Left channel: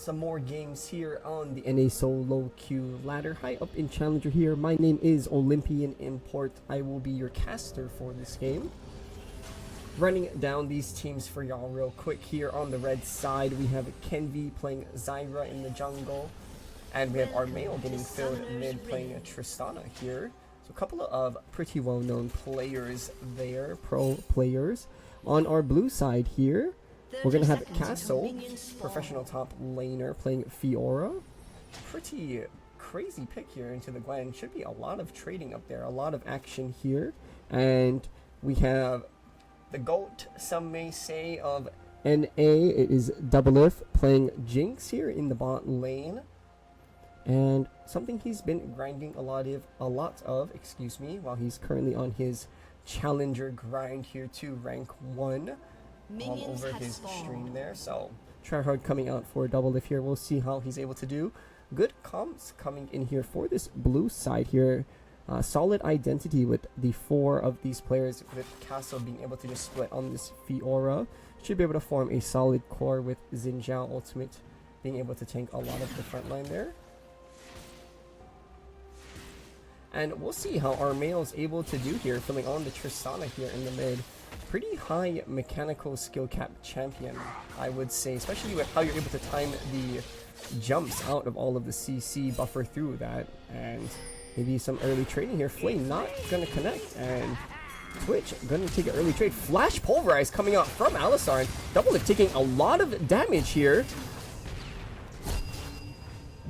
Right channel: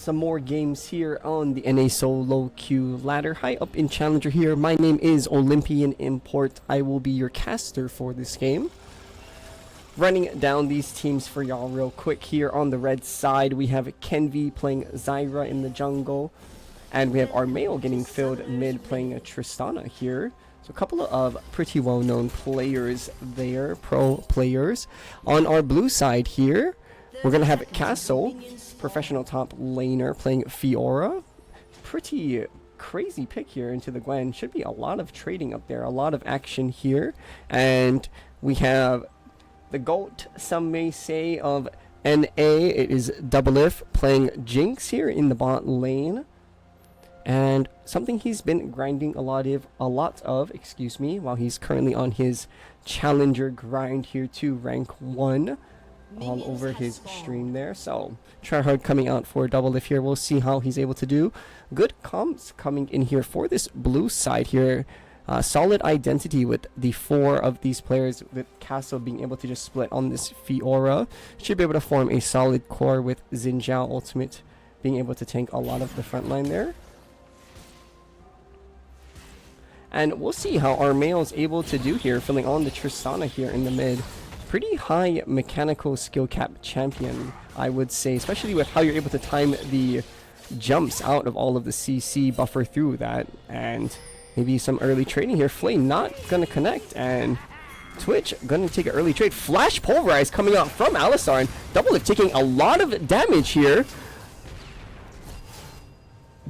some more games here on the NA Solo Queue ladder. High up in Challenger here. My name is Olympian Import. I will be your caster for this game. Running down these teams for y'all real quick here. On the red side, we have Kenvi playing Zyra in the jungle. And we have Armao getting filled mid playing Tristana here. So a couple of pretty well-known players there, pro players. On our blue side here, we're going to have Castle, professional top laner, playing Fiora. Pretty crazy pick here into the Gwen. Should be a lot of trading up there, a lot of action here. And we have the GOAT, some may say, of NA. It is Doublelift playing Jinx here in the bot lane. And something he's been grinding a lot of, while he's currently on his challenger grind here to rank 1. All over his stream there. So tryhard coming out for Doublelift here. We'll see how he's able to do. Good comps coming in here for this blue side here. Solid identity with the 4 of these players, with Castle being able to just split on this Fiora. Should be able to form a solid core with Xin Zhao ultimate being able to tank a lot of the front line there. And we'll see how Armao is able to do here, filling on the Tristana here in the mid. Pretty high mechanical skill cap champion, I would say, especially with how you're able to time the jumps out of all of the CC buffer through that. And maybe some early trading here. Flame not gonna connect, and Twitch gonna take an early trade. Flash Pulverize coming out from Alistar, and Doublelift taking a lot of damage here.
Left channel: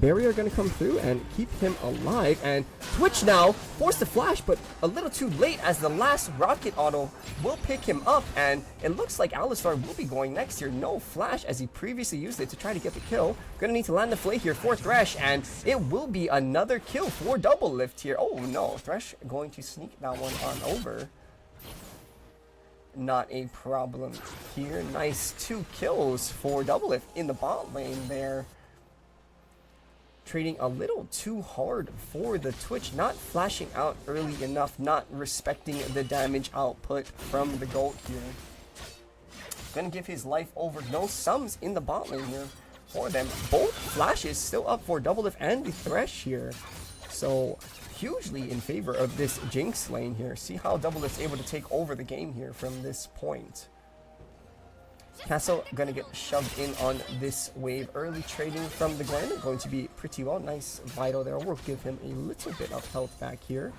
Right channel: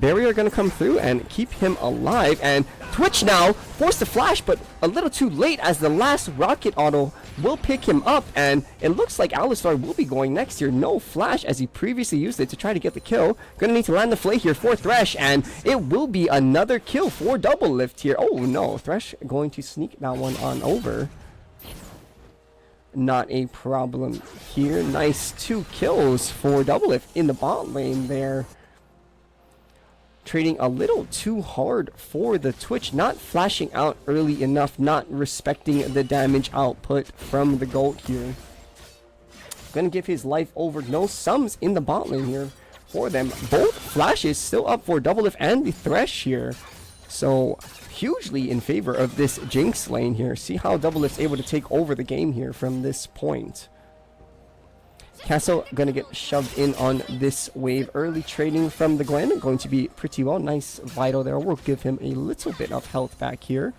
Barrier gonna come through and keep him alive, and Twitch now forced to flash, but a little too late, as the last rocket auto will pick him up, and it looks like Alistar will be going next here. No flash, as he previously used it to try to get the kill. Gonna need to land the flay here for Thresh, and it will be another kill for Doublelift here. Oh no, Thresh going to sneak that one on over. Not a problem here. Nice 2 kills for Doublelift in the bot lane there. Trading a little too hard for the Twitch, not flashing out early enough, not respecting the damage output from the GOAT here. Gonna give his life over. No sums in the bot lane here for them. Both flashes still up for Doublelift and the Thresh here. So hugely in favor of this Jinx lane here. See how Doublelift's able to take over the game here from this point. Castle gonna get shoved in on this wave. Early trading from the Gwen, going to be pretty well. Nice Vital there. We'll give him a little bit of health back here.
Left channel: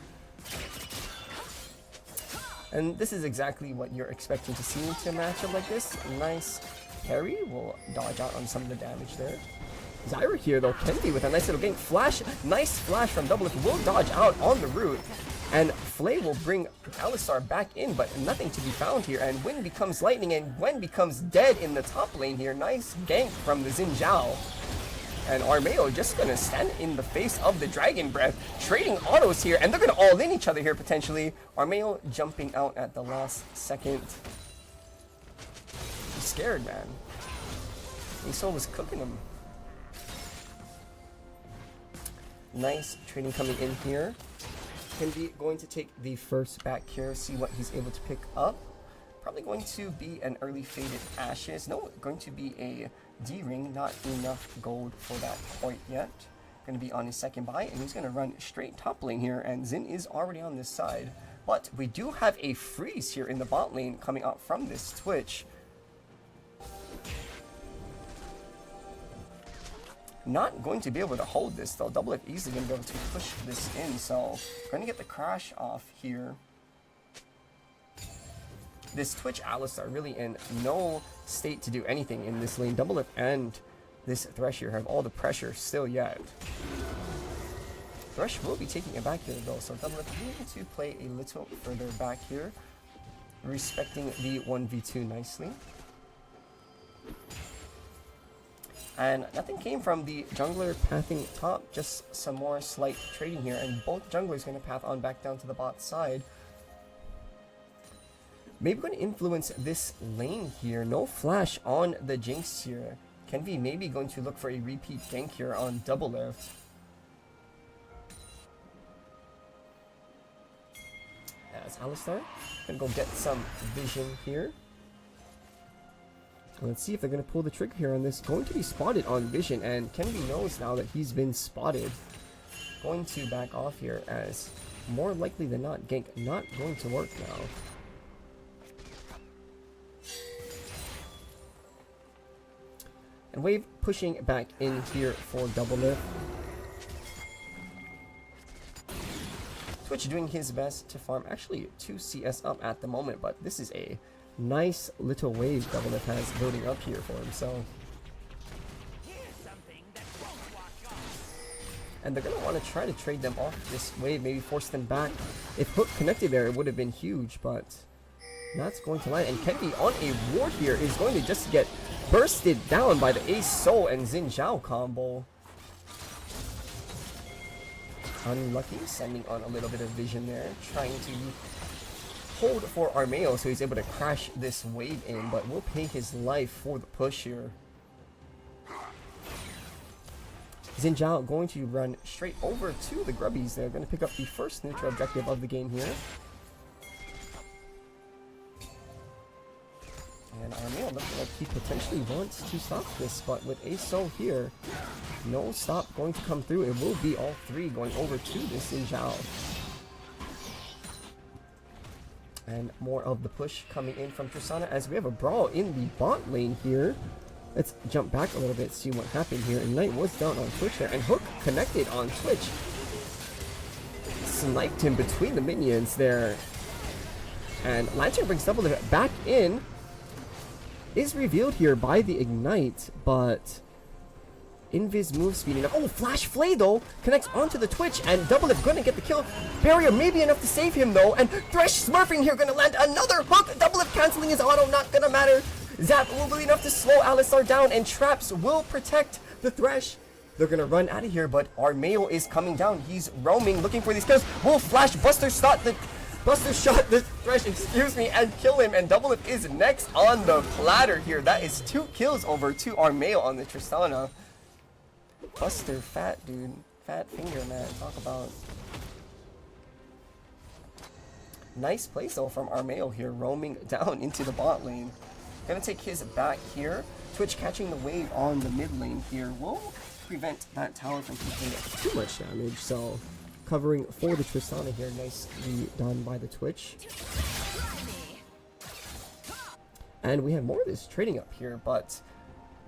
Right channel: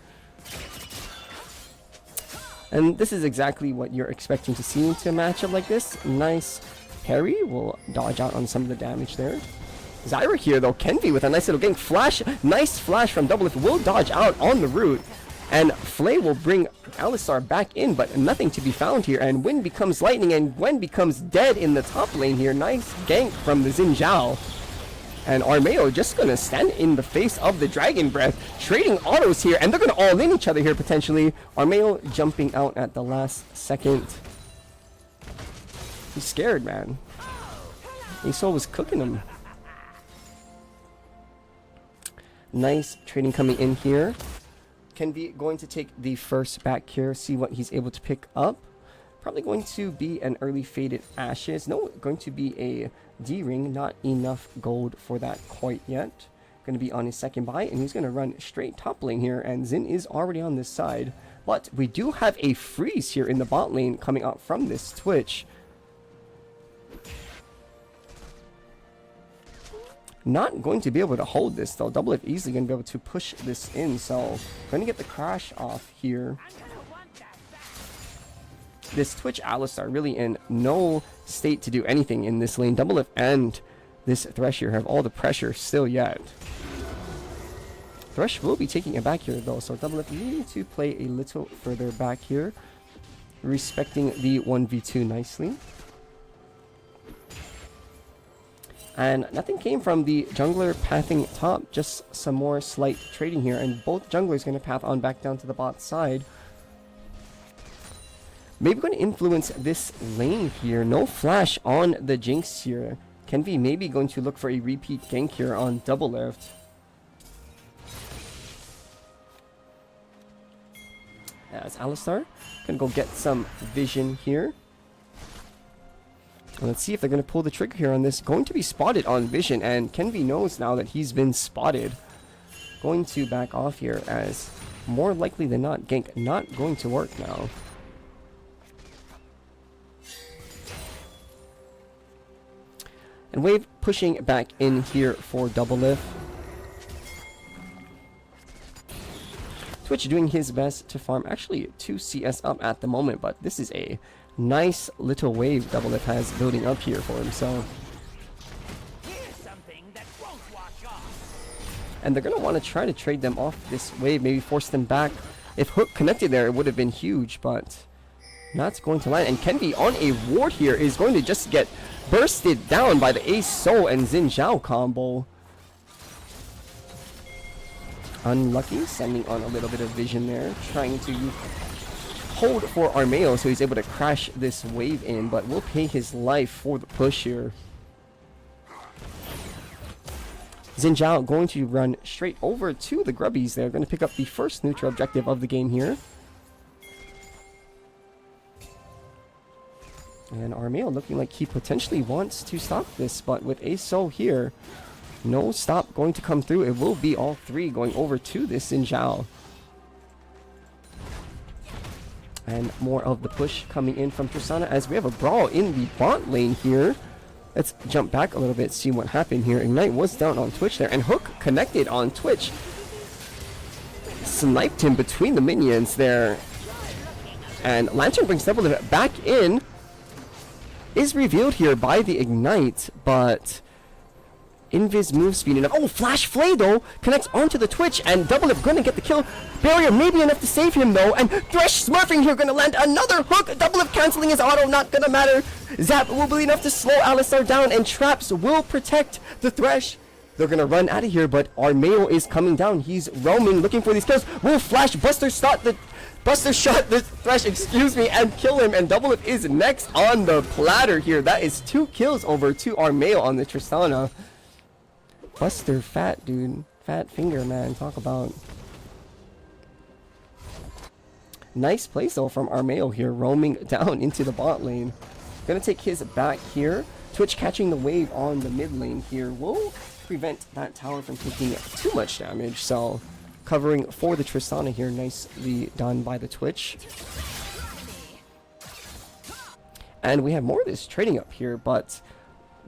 And this is exactly what you're expecting to see into a matchup like this. Nice parry. Will dodge out on some of the damage there. Zyra here though, Kenvi with a nice little gank. Flash, nice flash from Doublelift. Will dodge out on the root. And Flay will bring Alistar back in, but nothing to be found here. And Wind becomes lightning, and Gwen becomes dead in the top lane here. Nice gank from the Xin Zhao. And Armao just gonna stand in the face of the Dragon Breath, trading autos here, and they're gonna all in each other here potentially. Armao jumping out at the last second. He's scared, man. Yasuo was cooking him. Nice trading coming in here. Kenvi going to take the first back here, see what he's able to pick up. Probably going to be an early faded Ashes. No, going to be a D-ring. Not enough gold for that quite yet. Going to be on his second buy, and he's going to run straight top lane here, and Xin is already on this side. But we do have a freeze here in the bot lane coming out from this Twitch. Not going to be able to hold this though. Doublelift easily going to be able to push this in, so going to get the crash off here. This Twitch Alistar really in no state to do anything in this lane. Doublelift and this Thresh here have all the pressure still yet. Thresh will be taking it back here though, so Doublelift needing to play a little further back here, respecting the 1v2 nicely. And nothing came from the jungler pathing top, just some more slight trading here, and both junglers going to path on back down to the bot side. Maybe going to influence this lane here. No flash on the Jinx here. Kenvi maybe going to look for a repeat gank here on Doublelift. As Alistar gonna go get some vision here. Let's see if they're going to pull the trigger here on this. Going to be spotted on vision, and Kenvi knows now that he's been spotted. Going to back off here, as more likely than not, gank not going to work now. And Wave pushing back in here for Doublelift. Twitch doing his best to farm actually 2 CS up at the moment, but this is a nice little wave Doublelift has building up here for himself. And they're going to want to try to trade them off this wave, maybe force them back. If Hook connected there, it would have been huge, but not going to land. And Kenvi on a ward here is going to just get bursted down by the Ace Soul and Xin Zhao combo. Unlucky, sending on a little bit of vision there, trying to hold for Armao so he's able to crash this wave in, but will pay his life for the push here. Xin Zhao going to run straight over to the Grubbies. They're going to pick up the first neutral objective of the game here. And Armao looking like he potentially wants to stop this, but with Ace Soul here, no stop going to come through. It will be all 3 going over to this Xin Zhao. And more of the push coming in from Tristana as we have a brawl in the bot lane here. Let's jump back a little bit, see what happened here. Ignite was down on Twitch there, and Hook connected on Twitch. Sniped him between the minions there. And Lantern brings Doublelift back in. Is revealed here by the Ignite, but Invis move speed enough. Oh, Flash Flay though connects onto the Twitch, and Doublelift gonna get the kill. Barrier maybe enough to save him though, and Thresh smurfing here gonna land another hook. Doublelift canceling his auto, not gonna matter. Zap will be enough to slow Alistar down, and Traps will protect the Thresh. They're gonna run out of here, but Armao is coming down. He's roaming, looking for these kills. Will Flash Buster shot the Thresh, excuse me, and kill him, and Doublelift is next on the platter here. That is 2 kills over to Armao on the Tristana. Buster, fat dude. Fat finger, man. Talk about. Nice place though from Armao here, roaming down into the bot lane. Gonna take his back here. Twitch catching the wave on the mid lane here will prevent that tower from taking too much damage. So covering for the Tristana here, nicely done by the Twitch. And we have more of this trading up here, but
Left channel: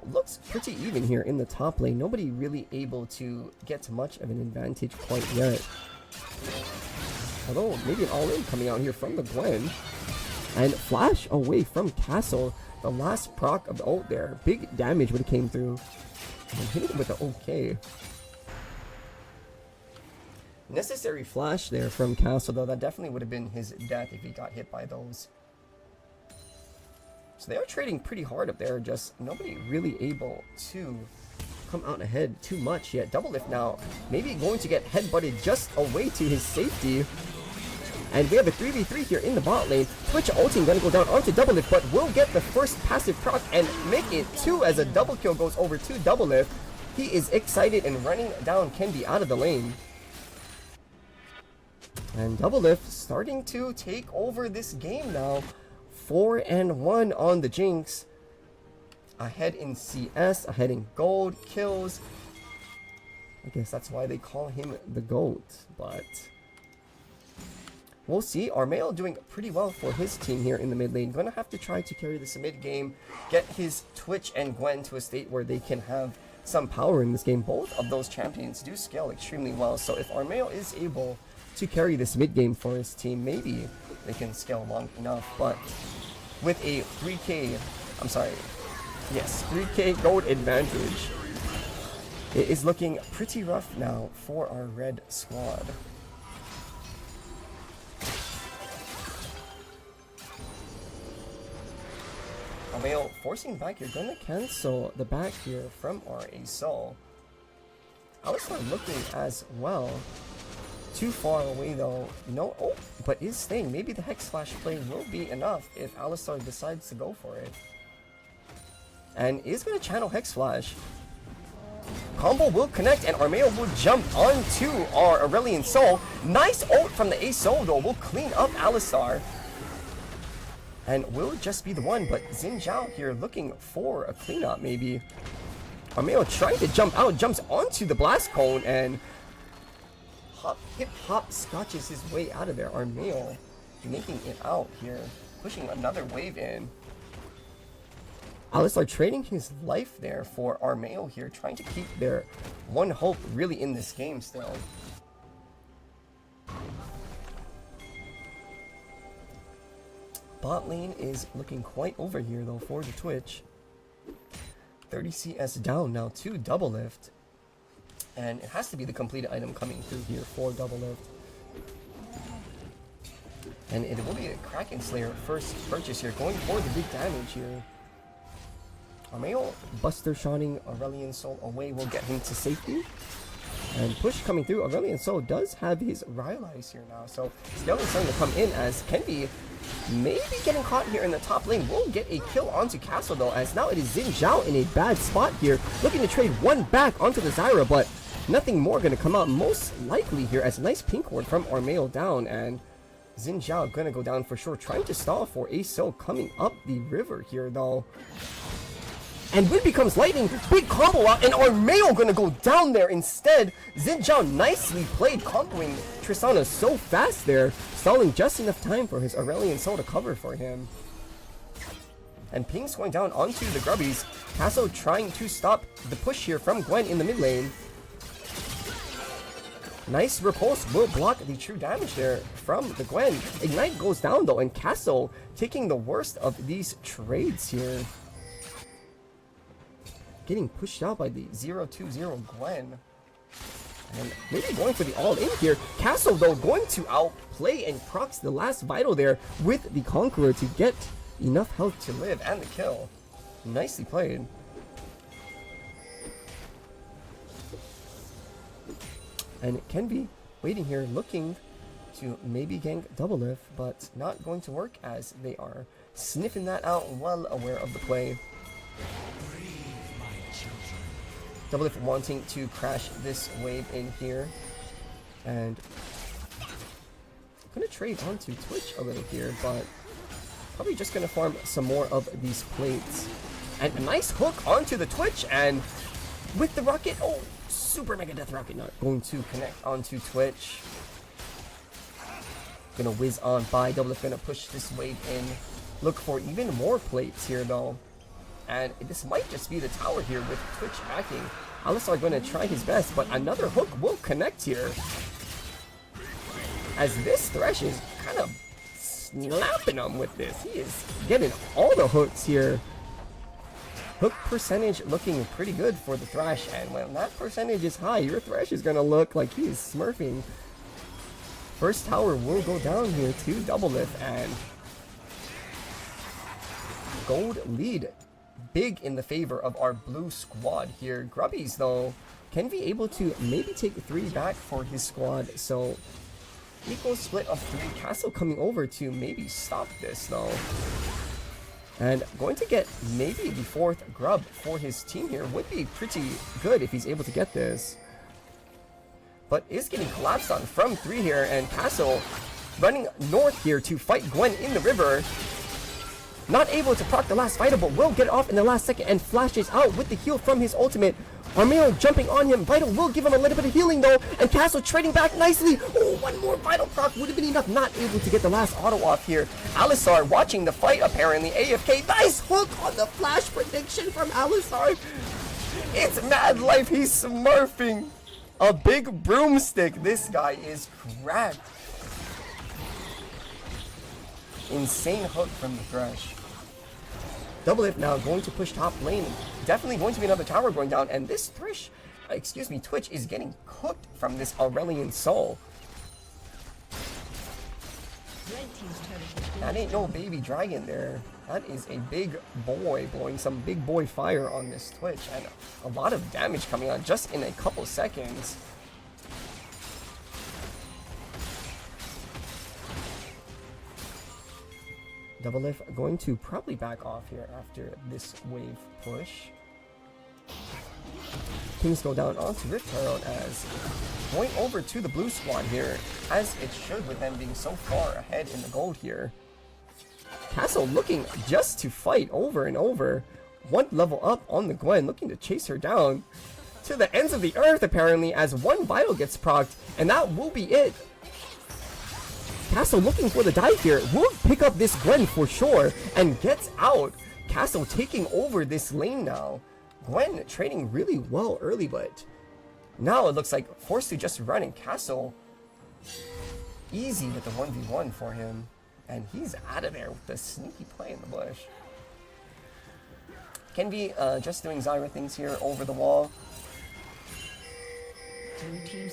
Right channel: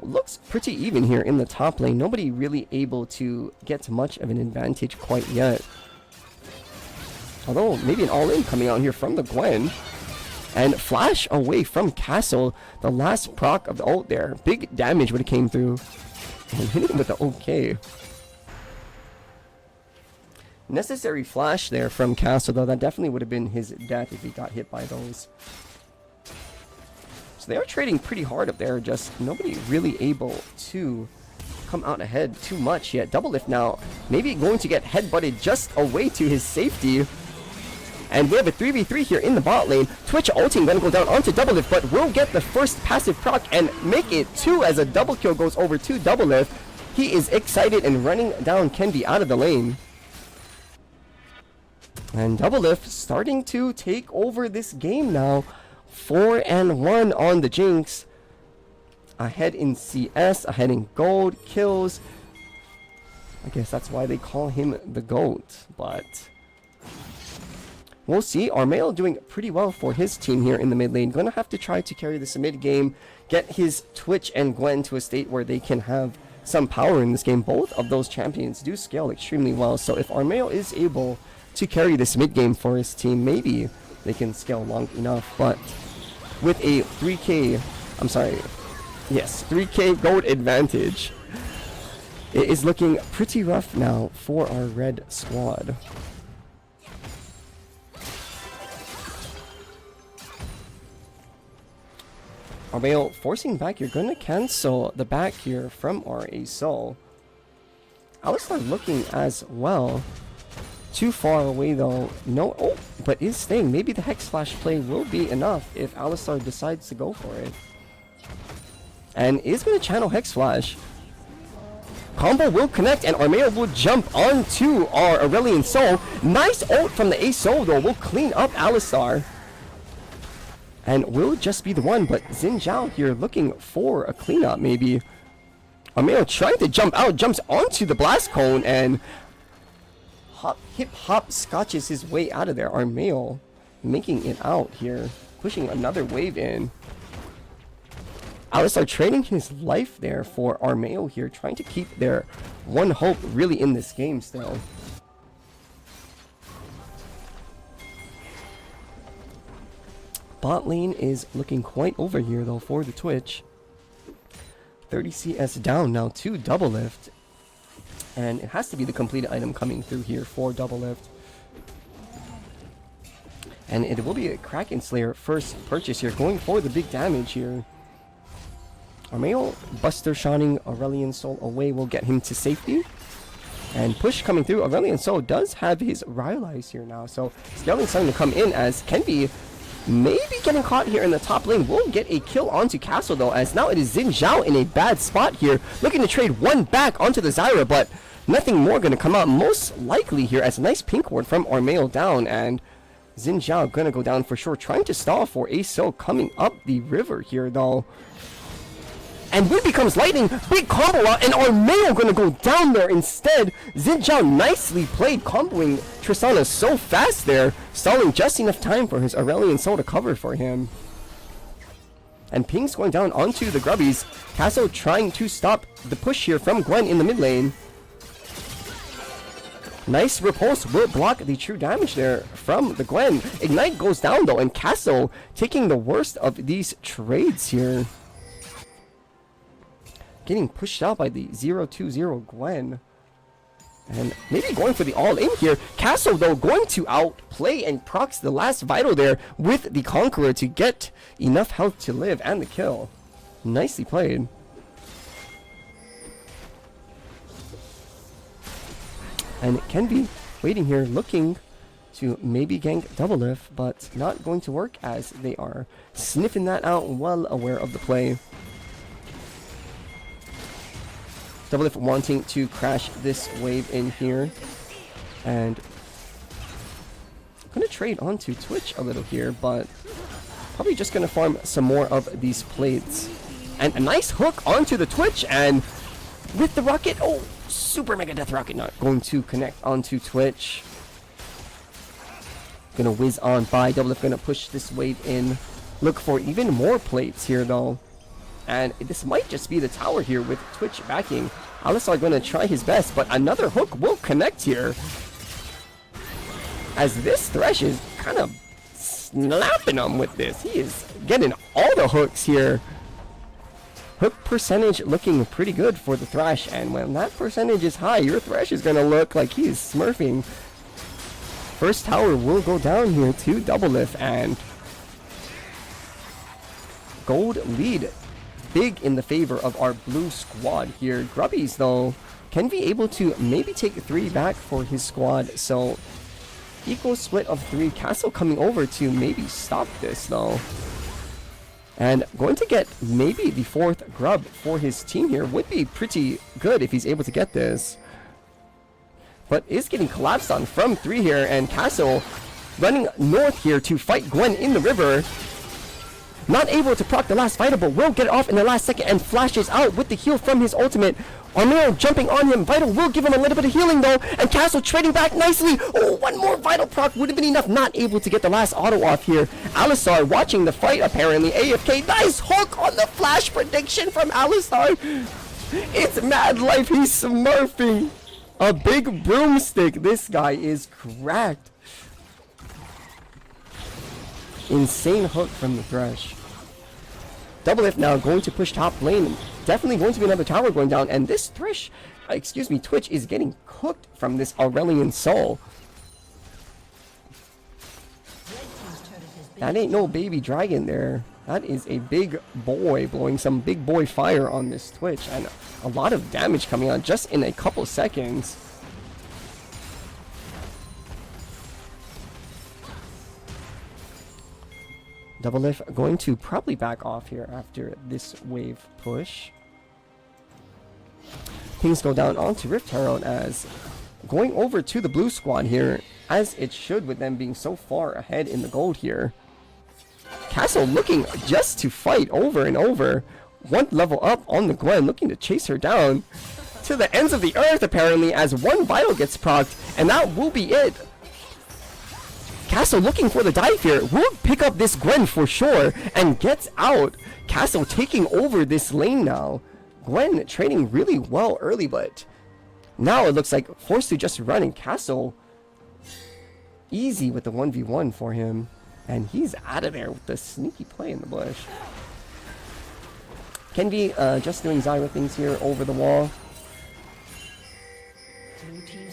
looks pretty even here in the top lane. Nobody really able to get much of an advantage quite yet. Although maybe an all-in coming out here from the Gwen. And Flash away from Castle. The last proc of the ult there. Big damage would have came through. And hit him with the OK. Necessary flash there from Castle though. That definitely would have been his death if he got hit by those. So they are trading pretty hard up there, just nobody really able to come out ahead too much yet. Doublelift now maybe going to get headbutted just away to his safety. And we have a 3v3 here in the bot lane. Twitch ulting gonna go down onto Doublelift, but will get the first passive proc and make it 2 as a double kill goes over to Doublelift. He is excited and running down Kenvi out of the lane. And Doublelift starting to take over this game now. 4-1 on the Jinx. Ahead in CS, ahead in gold, kills. I guess that's why they call him the GOAT, but we'll see. Armao doing pretty well for his team here in the mid lane. Gonna have to try to carry this mid game, get his Twitch and Gwen to a state where they can have some power in this game. Both of those champions do scale extremely well, so if Armao is able to carry this mid game for his team, maybe they can scale long enough. But with a 3k gold advantage, it is looking pretty rough now for our red squad. Armao forcing back. You're gonna cancel the back here from our Asol. Alistar looking as well. Too far away though. No, oh, but is staying. Maybe the Hex Flash play will be enough if Alistar decides to go for it. And is going to channel Hex Flash. Combo will connect and Armao will jump onto our Aurelion Soul. Nice ult from the Ace Soul though will clean up Alistar. and will just be the one, but Xin Zhao here looking for a cleanup maybe. Armao trying to jump out, jumps onto the blast cone, and hip hop scotches his way out of there. Armao making it out here, pushing another wave in. Alistar trading his life there for Armao here, trying to keep their one hope really in this game still. Bot lane is looking quite over here though for the Twitch. 30 CS down now to Doublelift. And it has to be the completed item coming through here for Doublelift. And it will be a Kraken Slayer first purchase here, going for the big damage here. Armao Buster Shining Aurelion Soul away will get him to safety. And push coming through. Aurelion Soul does have his Rylai's here now, so Scaling starting to come in as Kenvi maybe getting caught here in the top lane. Will get a kill onto Castle though, as now it is Xin Zhao in a bad spot here, looking to trade one back onto the Zyra, but nothing more going to come out most likely here, as a nice pink ward from Armao down, and Xin Zhao gonna go down for sure, trying to stall for a Soul coming up the river here though. And Wind becomes lightning, big combo out, and Armao gonna go down there instead. Xin Zhao nicely played, comboing Tristana so fast there, stalling just enough time for his Aurelion Soul to cover for him. And Ping's going down onto the Grubbies. Castle trying to stop the push here from Gwen in the mid lane. Nice repulse will block the true damage there from the Gwen. Ignite goes down though, and Castle taking the worst of these trades here. Getting pushed out by the 0-2-0 Gwen. And maybe going for the all-in here. Castle, though, going to outplay and procs the last vital there with the Conqueror to get enough health to live and the kill. Nicely played. And Kenvi waiting here, looking to maybe gank Doublelift, but not going to work as they are sniffing that out, well aware of the play. Doublelift wanting to crash this wave in here, and I'm gonna trade onto Twitch a little here, but probably just gonna farm some more of these plates. And a nice hook onto the Twitch, and with the rocket, oh, super mega death rocket not going to connect onto Twitch. Gonna whiz on by. Doublelift gonna push this wave in, look for even more plates here though. And this might just be the tower here with Twitch backing. Alistar going to try his best, but another hook will connect here. As this Thresh is kind of slapping him with this. He is getting all the hooks here. Hook percentage looking pretty good for the Thresh, and when that percentage is high, your Thresh is going to look like he's smurfing. First tower will go down here to Doublelift, and gold lead big in the favor of our blue squad here. Grubbies though, Kenvi able to maybe take 3 back for his squad, so equal split of 3. Castle coming over to maybe stop this though, and going to get maybe the 4th grub for his team here. Would be pretty good if he's able to get this, but is getting collapsed on from 3 here, and Castle running north here to fight Gwen in the river. Not able to proc the last Vital, but will get it off in the last second and flashes out with the heal from his ultimate. Armao jumping on him. Vital will give him a little bit of healing though, and Castle trading back nicely. Oh, one more Vital proc would have been enough. Not able to get the last auto off here. Alistar watching the fight apparently. AFK. Nice hook on the flash prediction from Alistar. It's mad life. He's smurfing. A big broomstick. This guy is cracked. Insane hook from the Thresh. Doublelift now going to push top lane. Definitely going to be another tower going down. And this Twitch is getting cooked from this Aurelion Soul. That ain't no baby dragon there. That is a big boy blowing some big boy fire on this Twitch. And a lot of damage coming out just in a couple seconds. Doublelift going to probably back off here after this wave push. Things go down onto Rift Herald, as going over to the blue squad here, as it should with them being so far ahead in the gold here. Castle looking just to fight over and over. One level up on the Gwen, looking to chase her down to the ends of the earth apparently, as one vital gets procced, and that will be it. Castle looking for the dive here, will pick up this Gwen for sure, and gets out. Castle taking over this lane now. Gwen trading really well early, but now it looks like forced to just run, and Castle easy with the 1v1 for him. And he's out of there with the sneaky play in the bush. Kenvi just doing Zyra things here over the wall.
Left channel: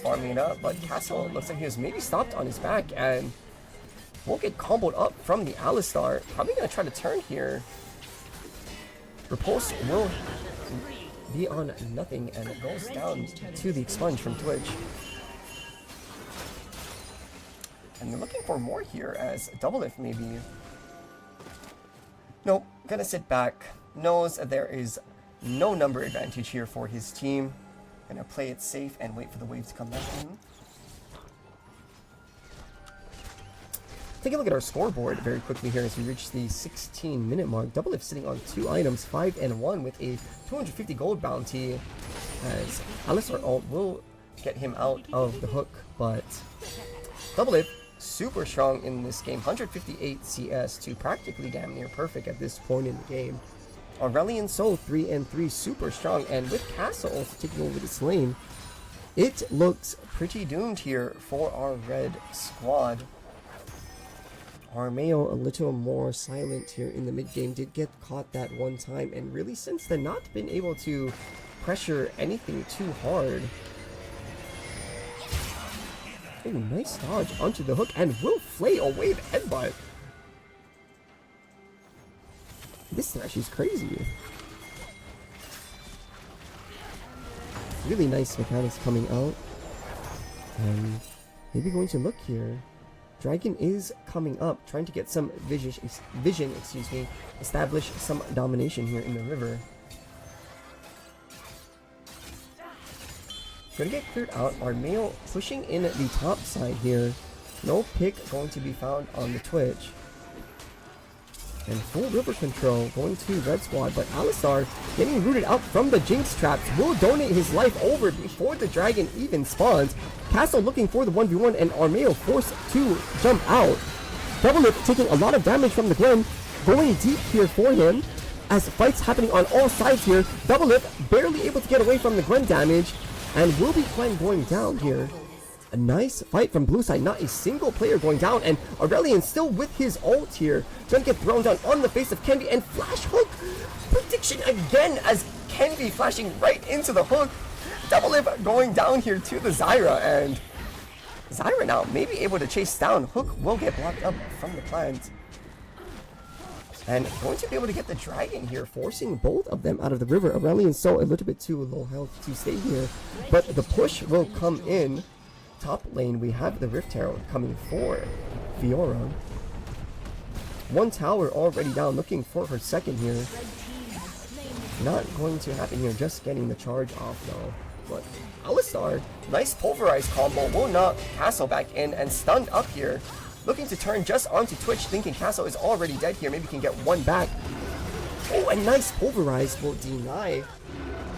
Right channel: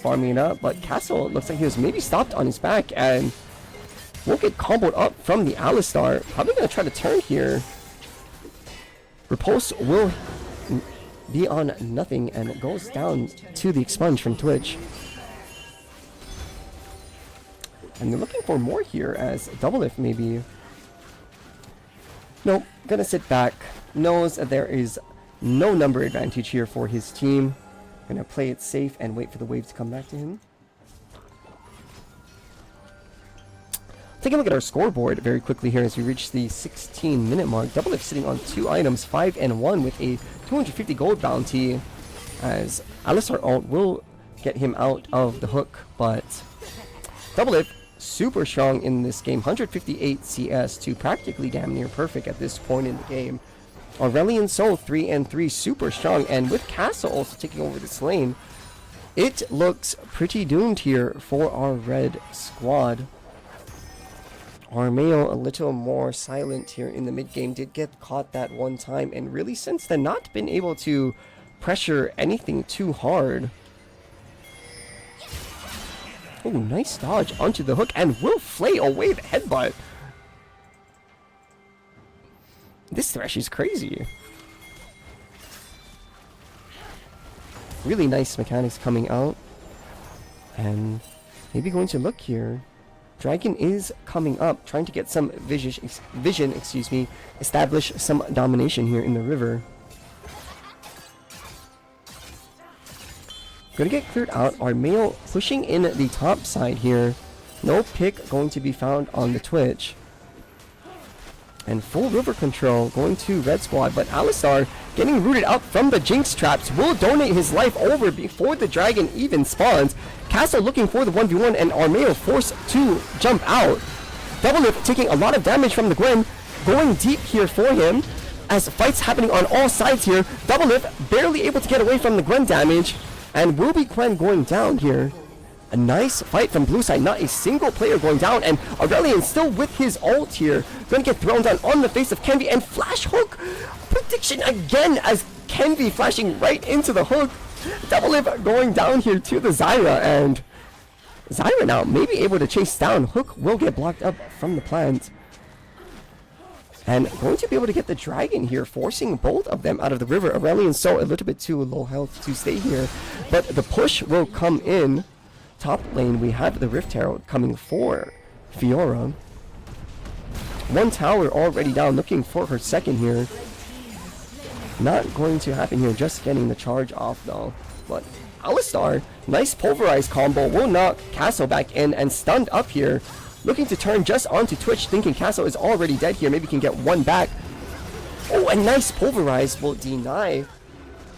Farming it up, but Castle looks like he was maybe stopped on his back and will get comboed up from the Alistar. Probably going to try to turn here. Repulse will be on nothing, and it goes down to the expunge from Twitch. And they're looking for more here, as Doublelift maybe. Nope, gonna sit back. Knows that there is no number advantage here for his team. Gonna play it safe and wait for the wave to come back to him. Take a look at our scoreboard very quickly here as we reach the 16-minute mark. Doublelift sitting on 2 items, 5 and 1 with a 250 gold bounty, as Alistar ult will get him out of the hook, but Doublelift super strong in this game, 158 CS to practically damn near perfect at this point in the game. Aurelion Sol 3 and 3 super strong, and with Castle also taking over this lane, it looks pretty doomed here for our red squad. Armao a little more silent here in the mid game, did get caught that one time, and really since then not been able to pressure anything too hard. Oh, nice dodge onto the hook, and will flay away the headbutt. This Thresh is crazy. Really nice mechanics coming out. And maybe going to look here. Dragon is coming up, trying to get some vision, establish some domination here in the river. Gonna get cleared out. Armao pushing in the top side here. No pick going to be found on the Twitch. And full river control going to red squad, but Alistar getting rooted out from the Jinx traps will donate his life over before the dragon even spawns. Castle looking for the 1v1, and Armao forced to jump out. Doublelift taking a lot of damage from the Gwen, going deep here for him as fights happening on all sides here. Doublelift barely able to get away from the Gwen damage, and will be Quen going down here. A nice fight from blue side, not a single player going down, and Aurelion still with his ult here. Gonna get thrown down on the face of Kenvi, and flash hook prediction again as Kenvi flashing right into the hook. Doublelift going down here to the Zyra, and Zyra now maybe able to chase down. Hook will get blocked up from the plant. And going to be able to get the dragon here, forcing both of them out of the river. Aurelion so a little bit too low health to stay here, but the push will come in. Top lane, we have the Rift Herald coming for Fiora. One tower already down, looking for her second here. Not going to happen here, just getting the charge off though. But Alistar, nice pulverized combo, will knock Castle back in and stunned up here. Looking to turn just onto Twitch, thinking Castle is already dead here, maybe can get one back. Oh, a nice pulverized will deny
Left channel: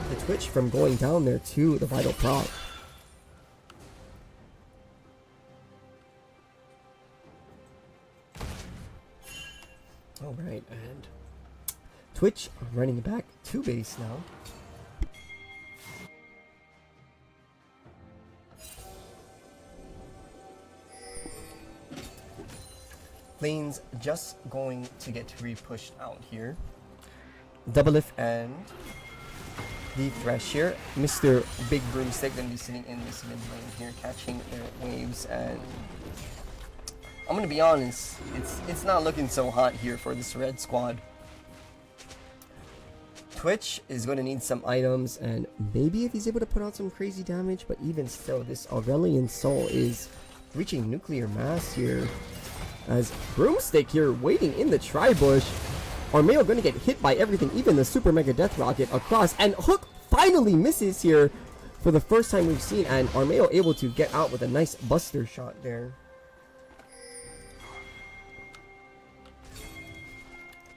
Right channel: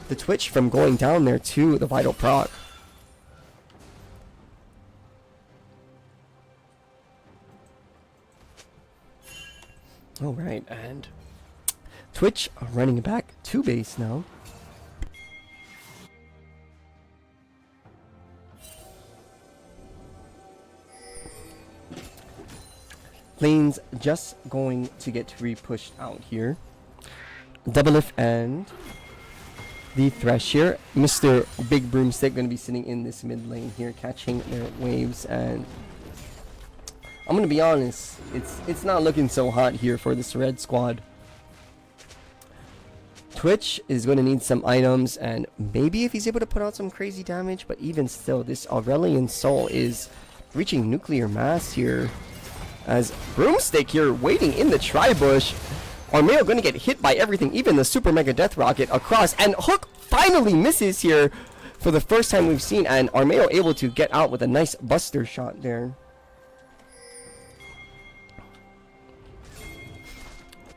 the Twitch from going down there to the vital proc. Alright, and Twitch running back to base now. Lane's just going to get re-pushed out here. Doublelift and the Thresh here. Mr. Big Broomstick going to be sitting in this mid lane here, catching their waves, and I'm gonna be honest, it's not looking so hot here for this red squad. Twitch is going to need some items, and maybe if he's able to put out some crazy damage, but even still, this Aurelion Sol is reaching nuclear mass here. As Broomstick here waiting in the tri-bush. Armao going to get hit by everything, even the super mega death rocket across, and Hook finally misses here for the first time we've seen, and Armao able to get out with a nice buster shot there.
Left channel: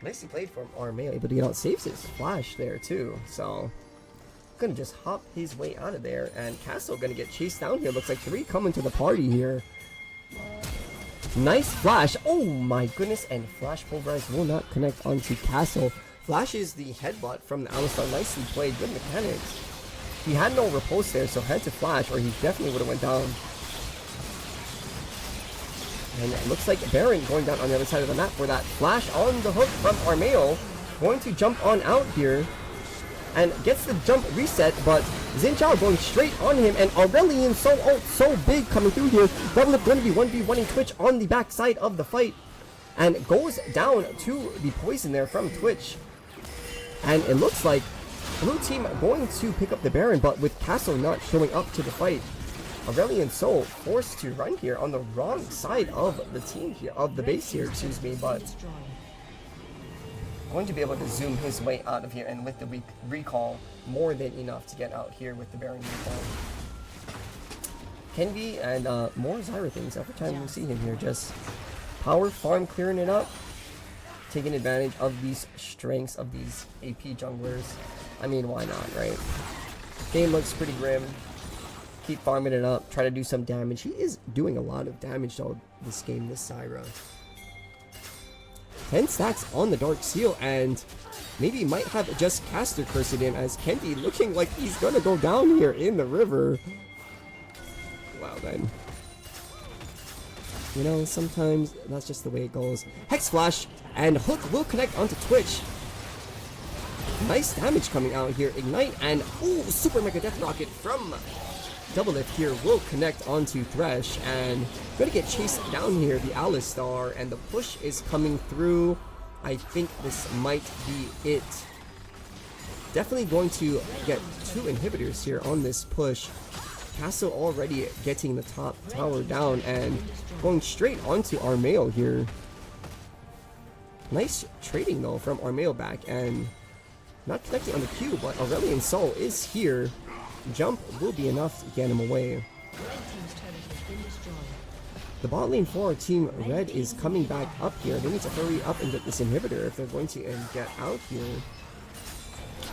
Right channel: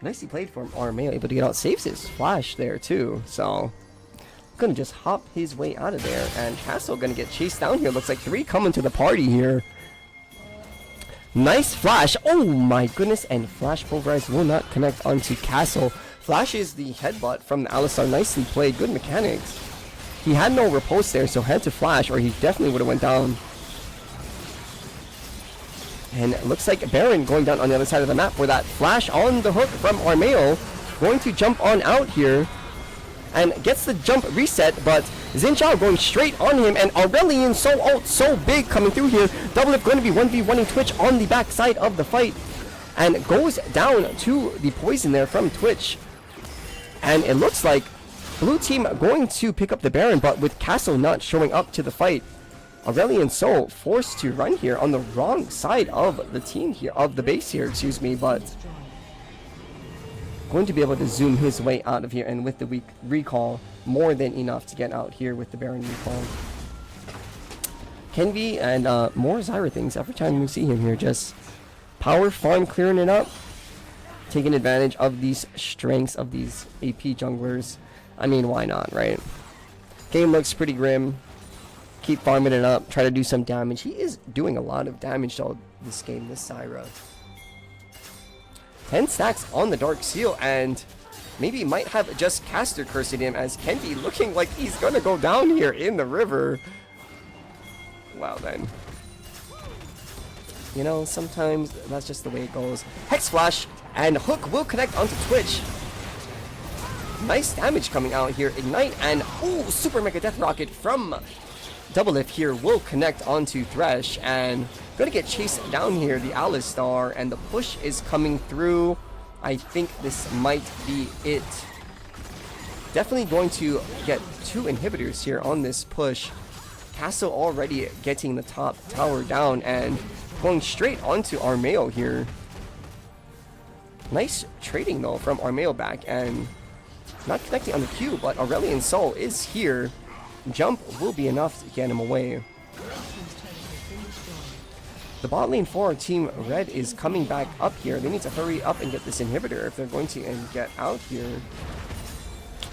Nicely played from Armao, able to get out. Saves his flash there too. So gonna just hop his way out of there. And Castle gonna get chased down here. Looks like 3 coming to the party here. Nice flash. Oh my goodness. And flash pulverize will not connect onto Castle. Flashes the headbutt from the Alistar. Nicely played. Good mechanics. He had no riposte there, so had to flash or he definitely would have went down. And it looks like Baron going down on the other side of the map for that flash on the hook from Armao. Going to jump on out here. And gets the jump reset, but Xin Zhao going straight on him, and Aurelian so big coming through here. Doublelift going to be 1v1ing Twitch on the back side of the fight, and goes down to the poison there from Twitch. And it looks like blue team going to pick up the Baron, but with Castle not showing up to the fight, Aurelian Soul forced to run here on the wrong side of the team here, of the base here, excuse me, but going to be able to zoom his way out of here, and with the weak recall, more than enough to get out here with the Baron recall. Kenvi and more Zyra things every time you see him here, just power farm clearing it up, taking advantage of these strengths of these AP junglers. I mean, why not, right? Game looks pretty grim. Keep farming it up, try to do some damage. He is doing a lot of damage though this game, this Zyra. 10 stacks on the Dark Seal, and maybe might have just caster cursed him, as Kenvi looking like he's gonna go down here in the river. Wow, man. You know, sometimes that's just the way it goes. Hex Flash, and Hook will connect onto Twitch. Nice damage coming out here. Ignite, and ooh, Super Mega Death Rocket from Doublelift here will connect onto Thresh, and gonna get chased down here, the Alistar, and the push is coming through. I think this might be it. Definitely going to get 2 inhibitors here on this push. Castle already getting the top tower down and going straight onto Armao here. Nice trading though from Armao back, and not connecting on the Q, but Aurelian Soul is here. Jump will be enough to get him away. The bot lane for our team Red is coming back up here. They need to hurry up and get this inhibitor if they're going to get out here.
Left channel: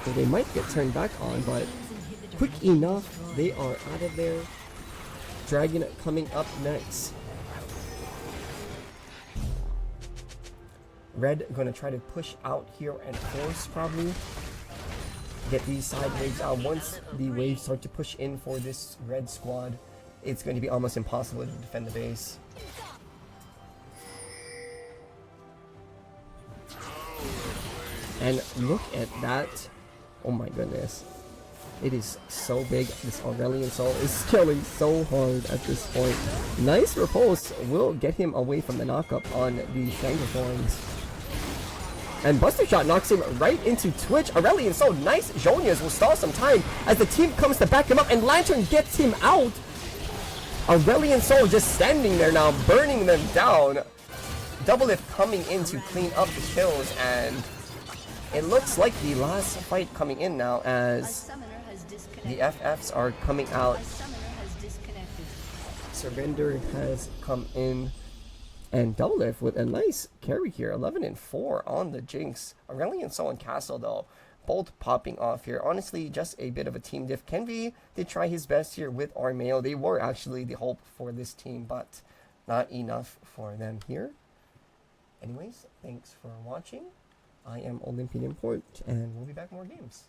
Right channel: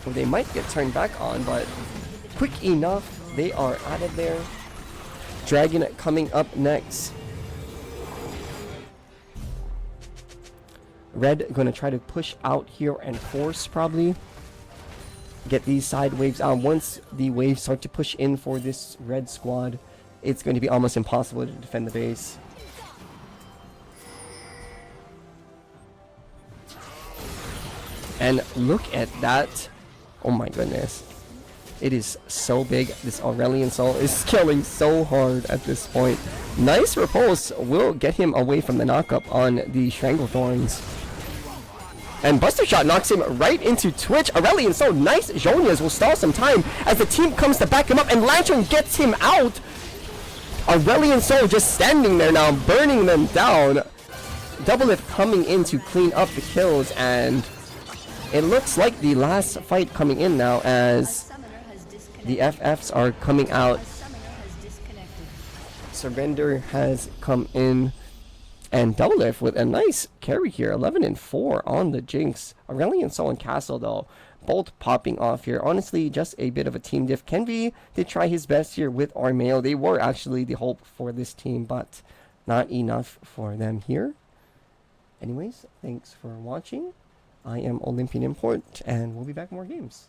Well, they might get turned back on, but quick enough. They are out of there. Dragon coming up next. Red gonna try to push out here and force probably. Get these side waves out. Once the waves start to push in for this red squad, it's going to be almost impossible to defend the base. And look at that. Oh my goodness. It is so big. This Aurelian Soul is killing so hard at this point. Nice repulse will get him away from the knockup on the Stranglethorns. And Buster Shot knocks him right into Twitch. Aurelian Soul, nice Zhonias will stall some time as the team comes to back him up, and Lantern gets him out. Aurelian Soul just standing there now, burning them down. Doublelift coming in to clean up the kills, and it looks like the last fight coming in now as the FFs are coming out. Surrender has come in. And Doublelift with a nice carry here, 11 and 4 on the Jinx. Aurelian Soul and Castle though, both popping off here. Honestly, just a bit of a team diff. Kenvi did try his best here with Armao. They were actually the hope for this team, but not enough for them here. Anyways, thanks for watching. I am Olympian Import, and we'll be back with more games.